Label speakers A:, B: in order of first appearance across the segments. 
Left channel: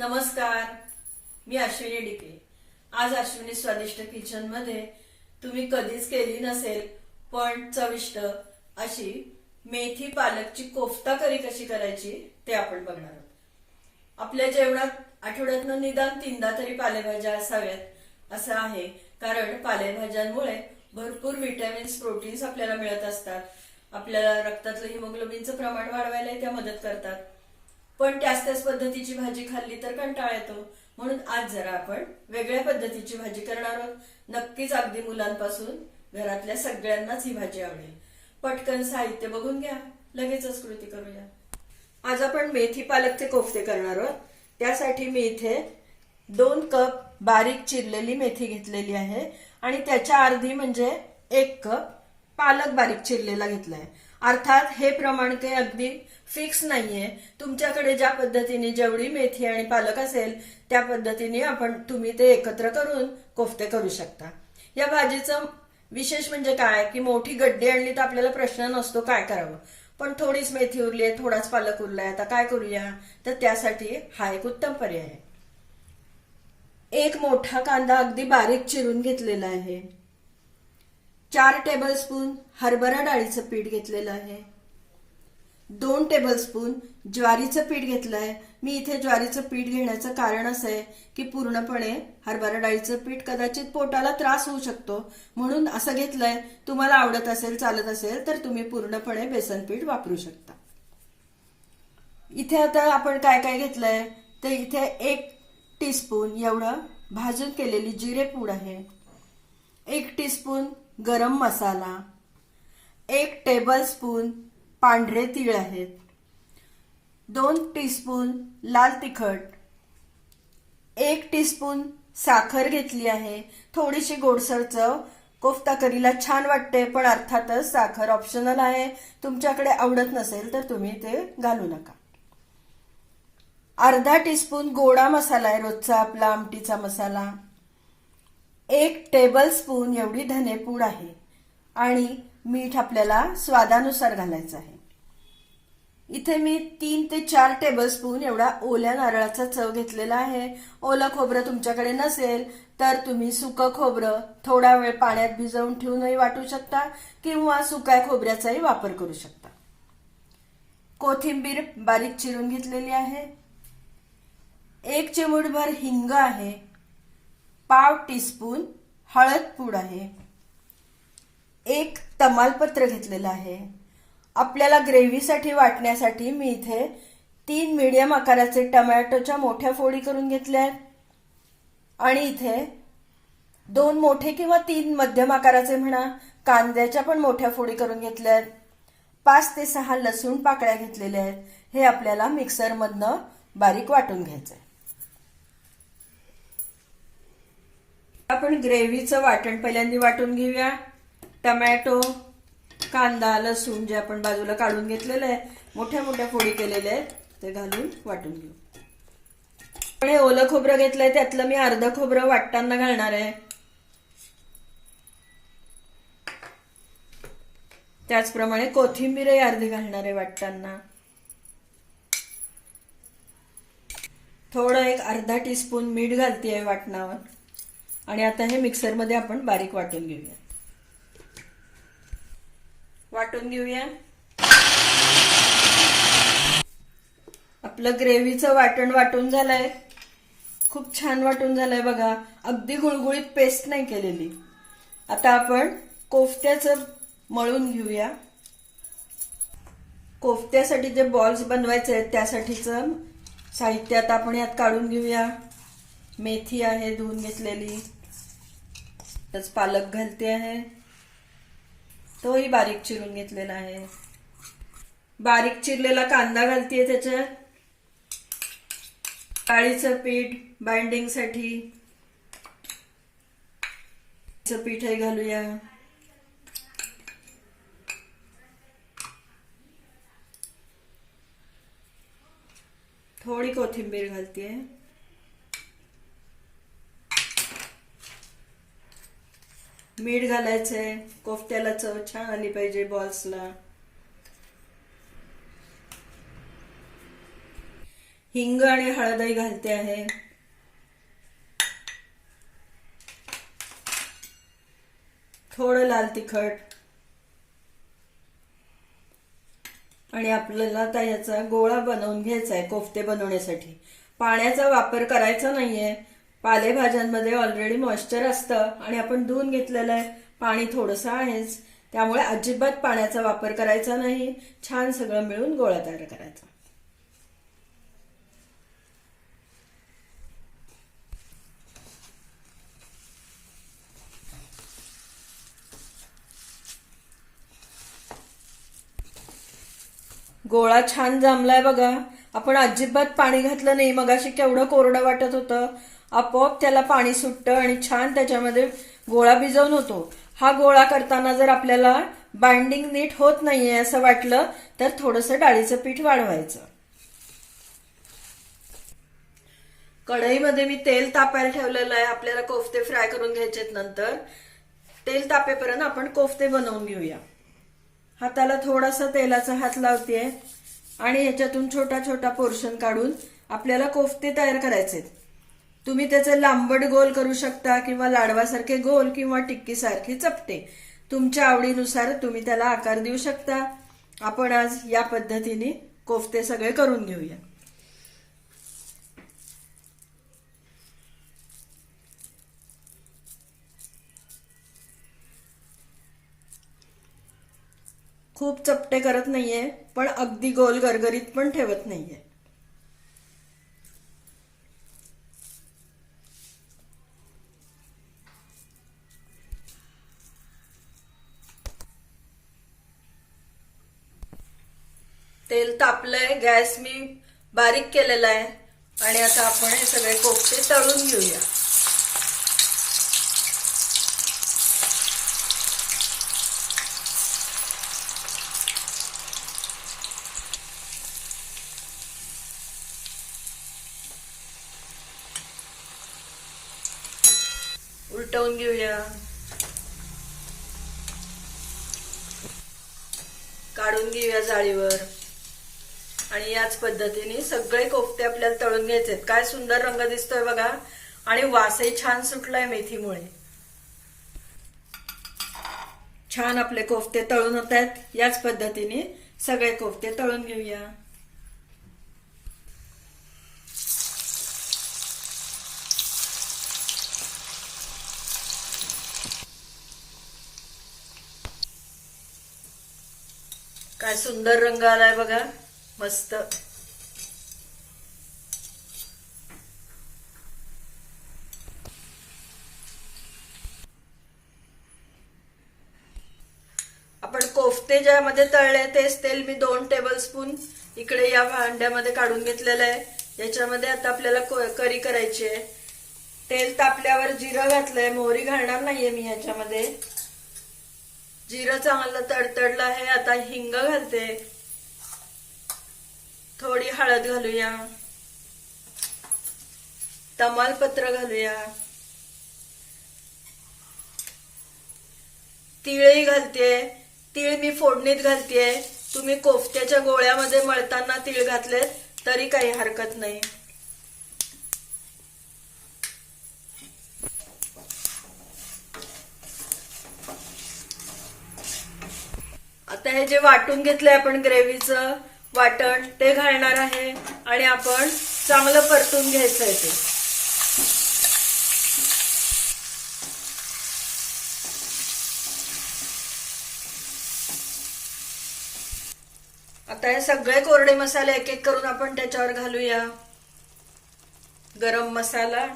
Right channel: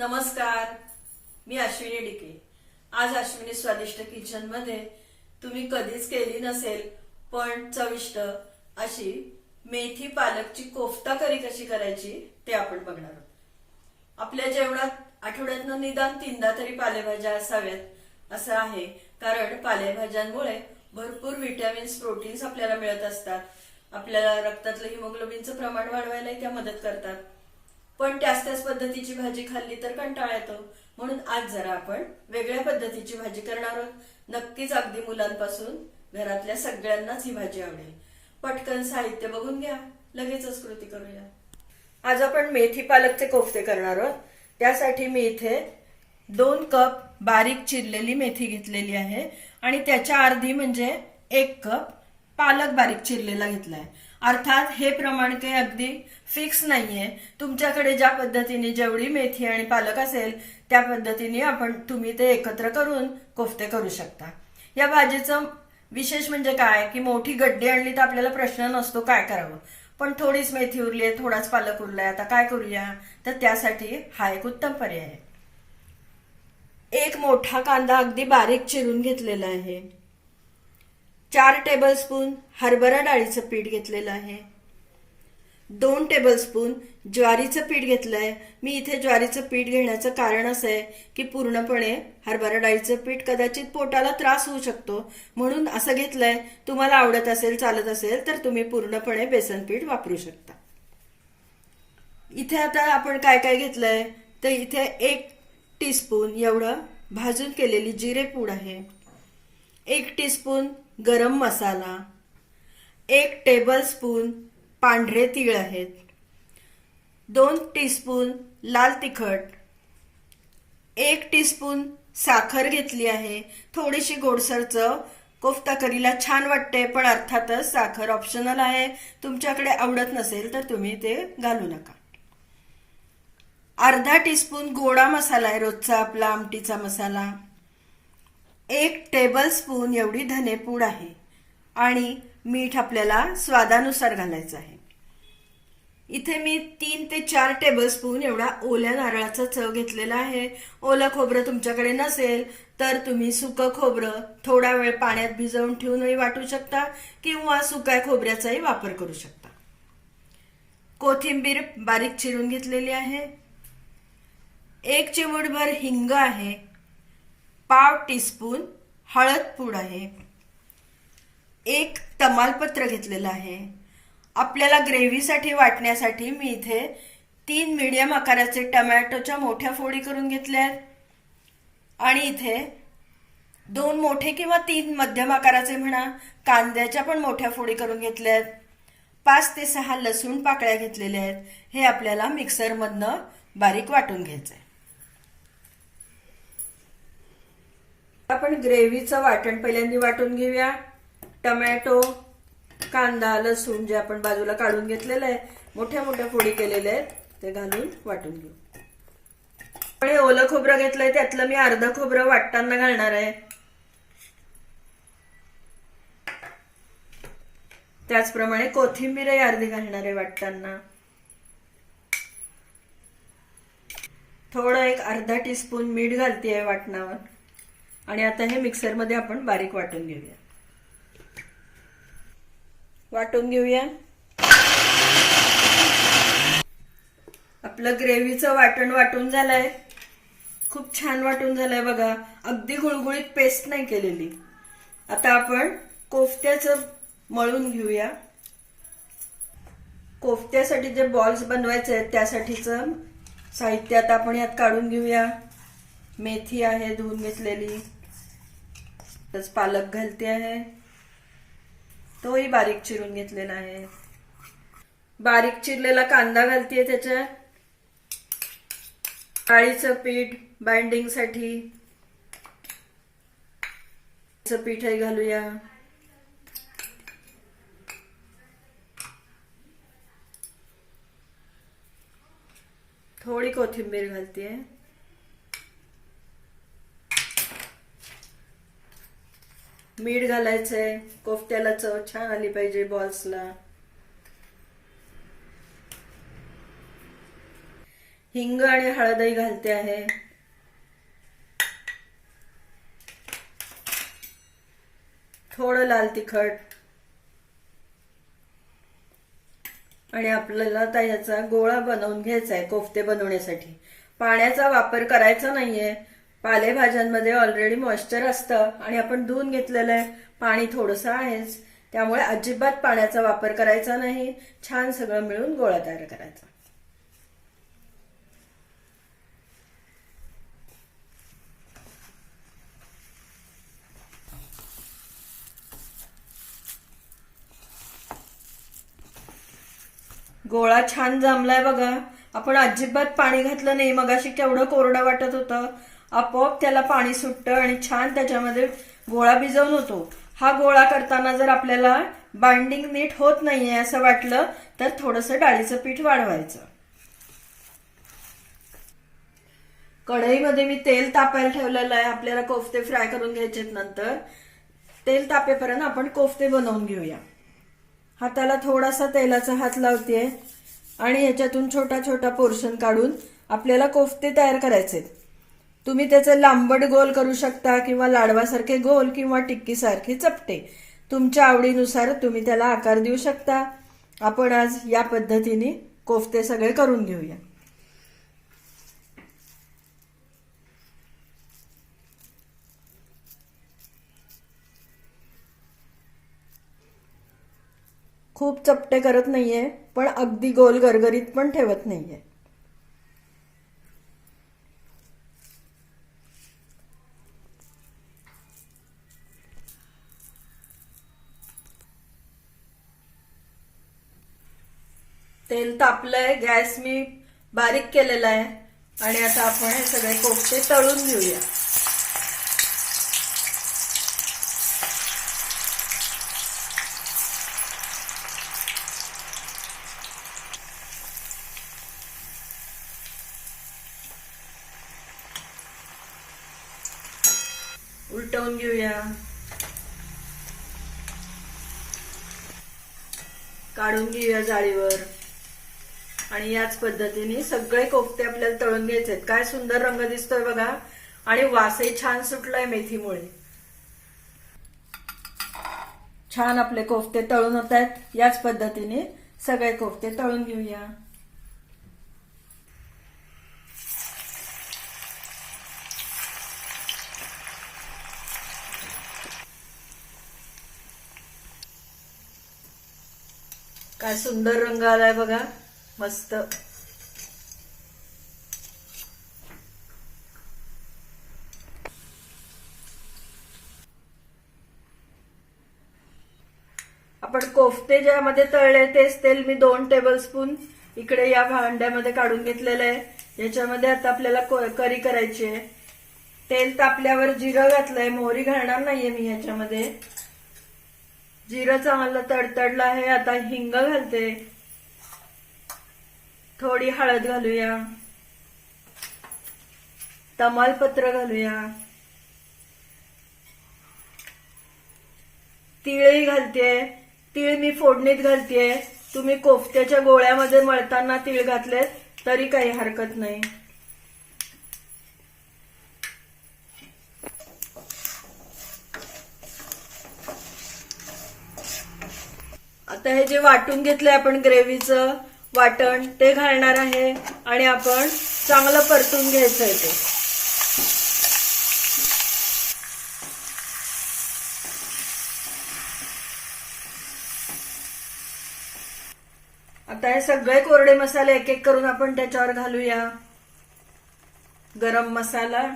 A: नमस्कार मी अश्विनी डिके. आज अश्विनी स्वादिष्ट किचनमध्ये तुम्ही कधीच केली नसेल पण चविष्ट अशी मेथी पालकची कोफ्ता करी कशी करायची ते आपण बघणार आहोत. आपल्या जेवणात आठवड्यातनं निदान तीनदा तरी पालेभाज्या असाव्यात असं आहे. कारण पालेभाज्यांमुळे भरपूर व्हिटॅमिन्स प्रोटीन्स आपल्याला मिळत असतात. आपल्याला रक्तातलं हिमोग्लोबिनचं प्रमाण वाढवायला त्या मदत करतात. पण त्याच त्याच पद्धतीची भाजी खाल्ली तर कंटाळा येतो. म्हणून आज जरा आपण वेगळ्या पद्धतीची भाजी करणार आहोत. नक्कीच अगदी मुलांपासून घरातल्या सगळ्यांनाच ही भाजी आवडेल. पटकन साहित्य बघून घ्या. लगेचच कृती करूया. आज आपण मेथी पालकचे कोफ्ते करणार आहोत. त्यासाठी मी इथे दोन कप बारीक चिरलेली मेथी घेतलेली आहे. आणि त्याच्या अर्धी म्हणजे एक कप पालक बारीक चिरलेला घेतलाय. अर्थात हे प्रमाण काही अगदी फिक्स नाहीये. तुमच्याकडे ज्या पद्धतीने जेवढी मेथी आणि पालक असेल त्या पद्धतीने आपण तुम्ही ते एकत्र करून कोफ्ते करू शकता. या भाजीचं विशेष म्हणजे काय? की मोठी गड्डी आणली तर आपल्याला प्रश्न नसतो काय करावं. पण थोडीच मेथी उरली आहे थोडाच पालक उरलाय आता काय करूया? तर त्यासाठी हा एक उत्तम पर्याय आहे. एक मोठा कांदा अगदी बारीक चिरून घेतलेला आहे. चार टेबलस्पून हरभरा डाळीचं पीठ घेतलेलं आहे. दोन टेबलस्पून ज्वारीचं पीठ घेतलंय. मी इथे ज्वारीचं पीठ घेण्याचं कारण असं आहे की पूर्णपणे हरभरा डाळीचं पीठ कदाचित पोटाला त्रास होऊ शकतो. म्हणून असं घेतलंय. तुम्हाला आवडत असेल चालत असेल तर तुम्ही पूर्णपणे बेसन पीठ वापरू शकता. इथे आता आपण काय काय घेतलंय? तर इथे एक टीस्पून एवढं भाजून केलेली जिरे पूड आहे. एक टीस्पून गरम मसाला. एक टेबल स्पून पांढरे तीळ आहेत. दोन टीस्पून लाल तिखट. एक टीस्पून साखर घेतली आहे. थोडीशी गोडसर चव. कोफ्ता करीला छान वाटते पण अर्थातच साखर ऑप्शनल आहे. तुमच्याकडे आवडत नसेल तर तुम्ही ते घालू नका. अर्धा टीस्पून गोडा मसाला आहे रोजचा आपला आमटीचा मसाला. एक टेबल स्पून एवढी धनेपूड आहे. आणि मीठ आपल्याला स्वादानुसार घालायचं आहे. इथे मी तीन ते चार टेबलस्पून एवढा ओल्या नारळाचा चव घेतलेला आहे. ओलं खोबरं तुमच्याकडे नसेल तर तुम्ही सुकं खोबरं थोडा वेळ पाण्यात भिजवून ठेवूनही वाटू शकता किंवा सुक्या खोबऱ्याचाही वापर करू शकता. कोथिंबीर बारीक चिरून घेतलेली आहे. एक चिमूटभर हिंग आहे. पाव टीस्पून हळद पूड आहे. एक तमालपत्र घेतलेलं आहे. आपल्याला ग्रेव्हीसाठी वाटण्यासाठी मी इथे तीन मीडियम आकाराचे टमॅटोच्या मोठ्या फोडी करून घेतल्या आहेत. आणि इथे दोन मोठे किंवा तीन मध्यम आकाराचे म्हणा कांद्याच्या पण मोठ्या फोडी करून घेतल्या आहेत. पाच ते सहा लसूण पाकळ्या घेतलेल्या आहेत. हे आपल्याला मिक्सरमधनं बारीक वाटून घ्यायचंय. आपण ग्रेव्हीचं वाटण पहिल्यांदा वाटून घेऊया. टमॅटो कांदा लसूण जे आपण बाजूला काढून घेतलेलं आहे मोठ्या मोठ्या फोडी केलेल्या आहेत ते घालून वाटून घेऊ. पण हे ओलं खोबरं घेतलंय त्यातलं मी अर्ध खोबरं वाटताना घालणार आहे. त्याचप्रमाणे कोथिंबीरही अर्धी घालणार आहे वाटताना. थोडं एक अर्धा टीस्पून मीठ घालते आहे वाटणावर. आणि आता हे मिक्सरमध्ये आपण बारीक वाटून घेऊया. वाटून घेऊया. आपलं ग्रेव्हीचं वाटण वाटून झालंय. खूप छान वाटून झालंय बघा. अगदी गुळगुळीत पेस्ट नाही केलेली. आता आपण कोफ्त्याचं मळून घेऊया. कोफ्त्यासाठी जे बॉल्स बनवायचे आहेत त्यासाठीचं साहित्य आता आपण यात काढून घेऊया. मेथी आहे धुवून घेतलेली. तच पालक घालते आहे. तोही बारीक चिरून घेतलेला आहे. बारीक चिरलेला कांदा घालतेय त्याच्यात. डाळीचं पीठ बाइंडिंगसाठी. पीठही घालूया. थोडी कोथिंबीर घालतेय. मीठ घालायचंय कोफ्त्याला चव छान आली पाहिजे बॉल्सला. हिंग आणि हळदही घालते आहे. थोडं लाल तिखट. आणि आपल्याला आता याचा गोळा बनवून घ्यायचा आहे कोफ्ते बनवण्यासाठी. पाण्याचा वापर करायचा नाहीये पालेभाज्यांमध्ये ऑलरेडी मॉइश्चर असतं आणि आपण धुवून घेतलेलं आहे. पाणी थोडंसं आहेच. त्यामुळे अजिबात पाण्याचा वापर करायचा नाही. छान सगळं मिळून गोळा तयार करायचा. गोळा छान जमलाय बघा. आपण अजिबात पाणी घातलं नाही. मगाशी केवढं कोरडं वाटत होतं. आपोआप त्याला पाणी सुटतं आणि छान त्याच्यामध्ये गोळा भिजवून होतो. हा गोळा करताना जर आपल्याला बाइंडिंग नीट होत नाहीये असं वाटलं तर थोडंसं डाळीचं पीठ वाढवायचं. कढईमध्ये मी तेल तापायला ठेवलेलं आहे. आपल्याला कोफ्ते फ्राय करून घ्यायचे नंतर. तेल तापेपर्यंत आपण कोफ्ते बनवून घेऊया. हाताला थोडासा तेलाचा हात लावते आणि ह्याच्यातून छोटा छोटा पोर्शन काढून आपल्याला कोफ्ते तयार करायचे तुम्ही त्याचे लांबट गोल करू शकता किंवा लाडवासारखे गोल किंवा टिक्कीसारखे चपटे. तुमच्या आवडीनुसार तुम्ही त्याला आकार देऊ शकता. आपण आज या पद्धतीने कोफ्ते सगळे करून घेऊया. खूप चपटे करत नाहीये पण अगदी गोल गरगरीत पण ठेवत नाहीये. तेल तापलंय गॅस मी बारीक केलेला आहे. आणि आता आपण हे सगळे कोफते तळून घेऊया. उलटवून घेऊया. काढून घेऊया जाळीवर. आणि याच पद्धतीने सगळे कोफते आपल्याला तळून घ्यायचे काय सुंदर रंग दिसतोय बघा. आणि वासही छान सुटलाय मेथीमुळे. छान आपले कोफते तळून होत आहेत. याच पद्धतीने सगळे कोफते तळून घेऊया. काय सुंदर रंग आलाय बघा. मस्त. आपण कोफ्ते ज्यामध्ये तळले तेच तेल मी दोन टेबलस्पून इकडे या भांड्यामध्ये काढून घेतलेलं आहे. याच्यामध्ये आता आपल्याला करी करायची आहे. तेल तापल्यावर जिरं घातलंय मोहरी घालणार नाहीये मी ह्याच्यामध्ये. जिरं चांगलं तडतडलं आहे आता हिंग घालते. थोडी हळद घालूया. तमालपत्र घालूया. तिळही घालते. तीळ मी फोडणीत घालते. तुम्ही कोफ्त्याच्या गोळ्यामध्ये मळताना तीळ घातले तरी काही हरकत नाही. आता हे जे वाटून घेतलंय आपण ग्रेव्हीचं वाटण ते घालणार आहे आणि आपण चांगलं परतून घ्यायचं आहे ते. आता हे सगळे कोरडे मसाले एक एक करून आपण त्याच्यावर घालूया. गरम मसाला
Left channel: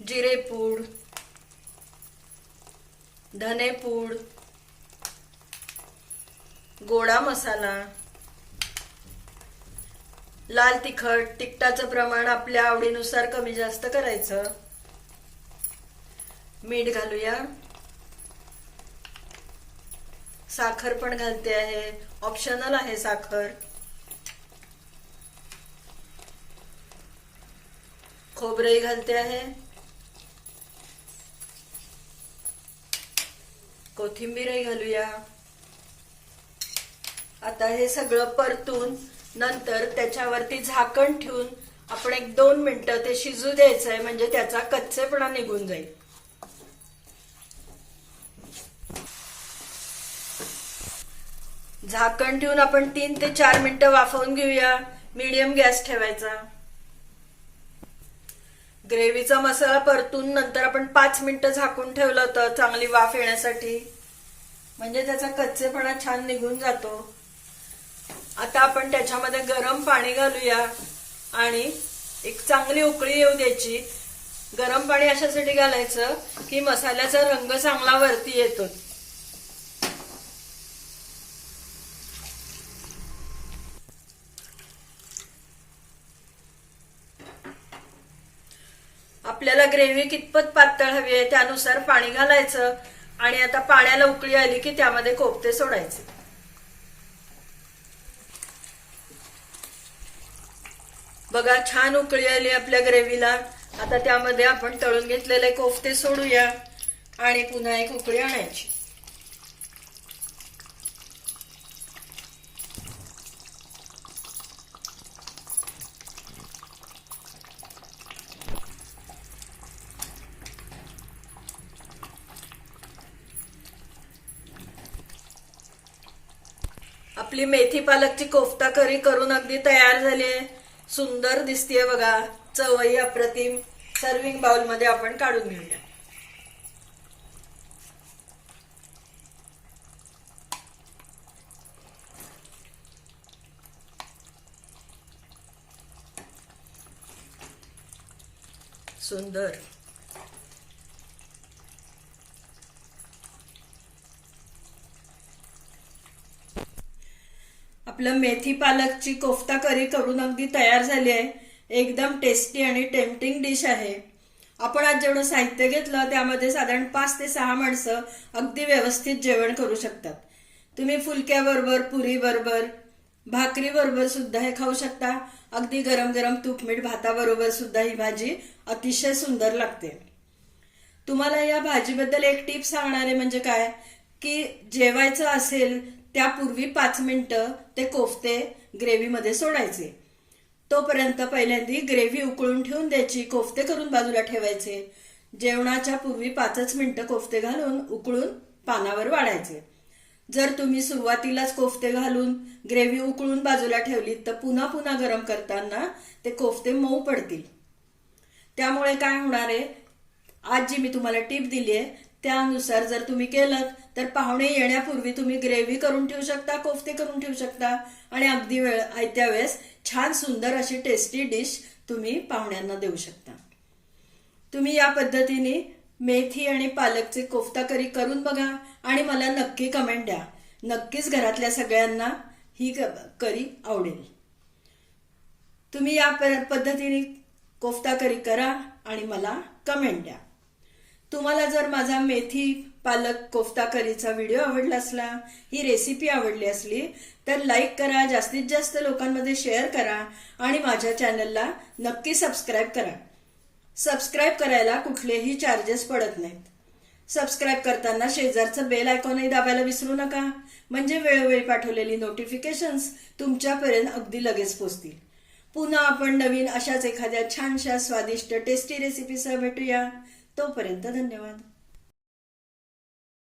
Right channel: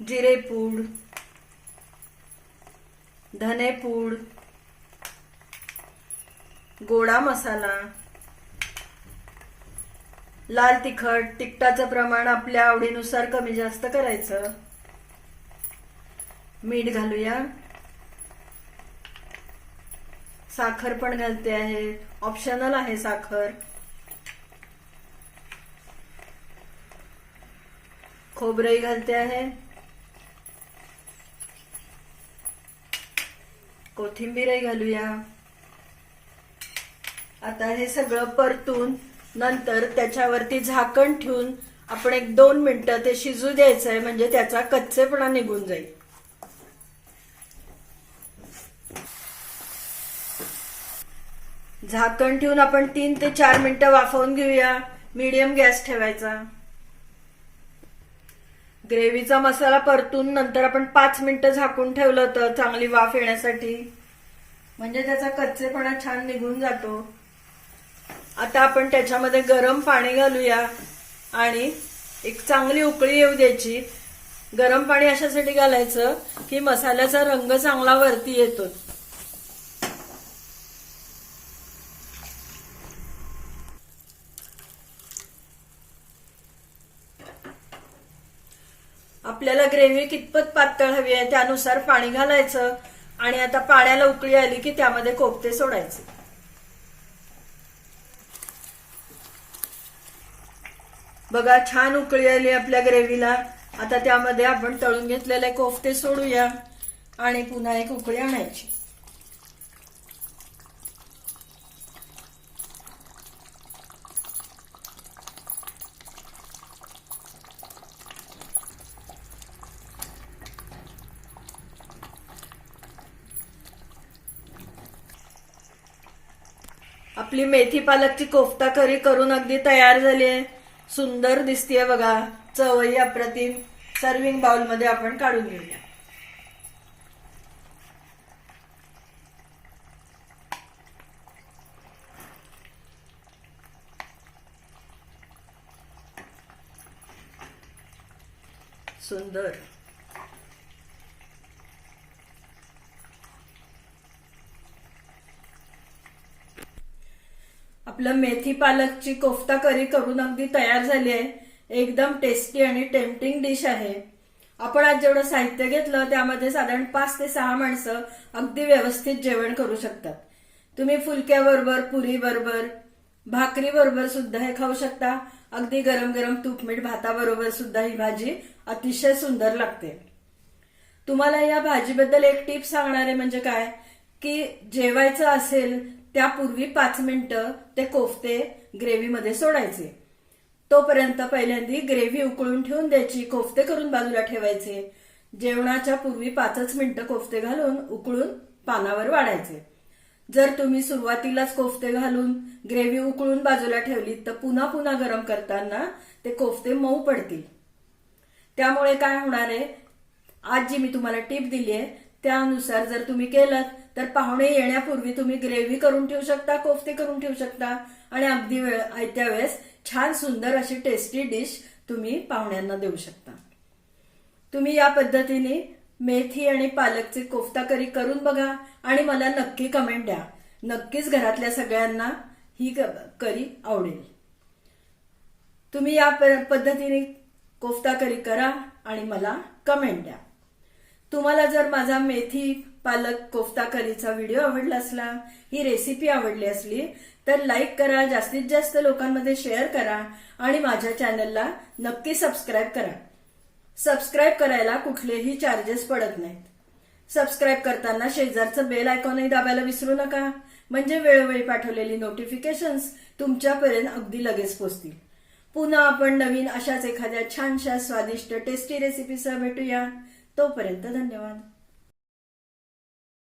A: जिरे पूड धने पूड गोडा मसाला लाल तिखट तिखटाचं प्रमाण आपल्या आवडीनुसार कमी जास्त करायचं. मीठ घालूया. साखर पण घालते आहे. ऑप्शनल आहे साखर. खोबरेही घालते आहे. कोथिंबीरही घालूया. आता हे सगळं परतून नंतर त्याच्यावरती झाकण ठेवून आपण एक दोन मिनिटं ते शिजू द्यायचंय म्हणजे त्याचा कच्चेपणा निघून जाईल. झाकण ठेवून आपण तीन ते चार मिनिटं वाफवून घेऊया. मीडियम गॅस ठेवायचा. ग्रेव्हीचा मसाला परतून नंतर आपण पाच मिनिटं झाकून ठेवलं होतं चांगली वाफ येण्यासाठी. म्हणजे त्याचा कच्चेपणा छान निघून जातो. आता आपण त्याच्यामध्ये गरम पाणी घालूया. आणि एक चांगली उकळी येऊ द्यायची. गरम पाणी अशासाठी घालायचं की मसाल्याचा रंग चांगला वरती येतो. आपल्याला ग्रेव्ही कितपत पातळ हवी आहे त्यानुसार पाणी घालायचं. आणि आता पाण्याला उकळी आली की त्यामध्ये कोफते सोडायचे. बघा छान उकळी आली आपल्या ग्रेव्हीला. आता त्यामध्ये आपण तळून घेतलेले कोफते सोडूया आणि पुन्हा एक उकळी आणायची. आपली मेथी पालकची कोफ्ता करी करून अगदी तयार झाली आहे. सुंदर दिसतीये बघा. चवई अप्रतिम. सर्विंग बाउलमध्ये आपण काढून घेऊया. सुंदर. आपलं मेथी पालकची कोफ्ता करी करून अगदी तयार झाली आहे. एकदम टेस्टी आणि टेम्पटिंग डिश आहे. आपण आज जेवढं साहित्य घेतलं त्यामध्ये साधारण पाच ते सहा माणसं अगदी व्यवस्थित जेवण करू शकतात. तुम्ही फुलक्याबरोबर पुरी बरोबर भाकरी बरोबर सुद्धा हे खाऊ शकता. अगदी गरम गरम तूपमीठ भाताबरोबर सुद्धा ही भाजी अतिशय सुंदर लागते. तुम्हाला या भाजीबद्दल एक टीप सांगणार आहे म्हणजे काय? की जेवायचं असेल त्यापूर्वी पाच मिनिटं ते कोफते ग्रेव्हीमध्ये सोडायचे. तोपर्यंत पहिल्यांदी ग्रेव्ही उकळून ठेवून द्यायची कोफते करून बाजूला ठेवायचे. जेवणाच्या पूर्वी पाचच मिनिटं कोफते घालून उकळून पानावर वाढायचे. जर तुम्ही सुरुवातीलाच कोफते घालून ग्रेव्ही उकळून बाजूला ठेवली तर पुन्हा पुन्हा गरम करताना ते कोफते मऊ पडतील. त्यामुळे काय होणार आहे? आज जी मी तुम्हाला टीप दिली आहे त्यानुसार जर तुम्ही केलं तर पाहुणे येण्यापूर्वी तुम्ही ग्रेव्ही करून ठेवू शकता कोफ्ते करून ठेवू शकता आणि अगदी वेळ आयत्या वेळेस छान सुंदर अशी टेस्टी डिश तुम्ही पाहुण्यांना देऊ शकता. तुम्ही या पद्धतीने मेथी आणि पालकची कोफ्ता करी करून बघा आणि मला नक्की कमेंट द्या. नक्कीच घरातल्या सगळ्यांना ही करी आवडेल. तुम्ही या प- पद्धतीने कोफ्ता करी करा आणि मला कमेंट द्या. तुम्हाला जर माझा मेथी पालक कोफ्ता करीचा व्हिडिओ आवडला असला ही रेसिपी आवडली असली तर लाईक करा जास्तीत जास्त लोकांमध्ये शेअर करा आणि माझ्या चॅनलला नक्की सबस्क्राईब करा. सबस्क्राईब करायला कुठलेही चार्जेस पडत नाहीत. सबस्क्राईब करताना शेजारचं बेल आयकॉनही दाबायला विसरू नका. म्हणजे वेळोवेळी पाठवलेली नोटिफिकेशन्स तुमच्यापर्यंत अगदी लगेच पोचतील. पुन्हा आपण नवीन अशाच एखाद्या छानशा स्वादिष्ट टेस्टी रेसिपीसह भेटूया. तोपर्यंत धन्यवाद.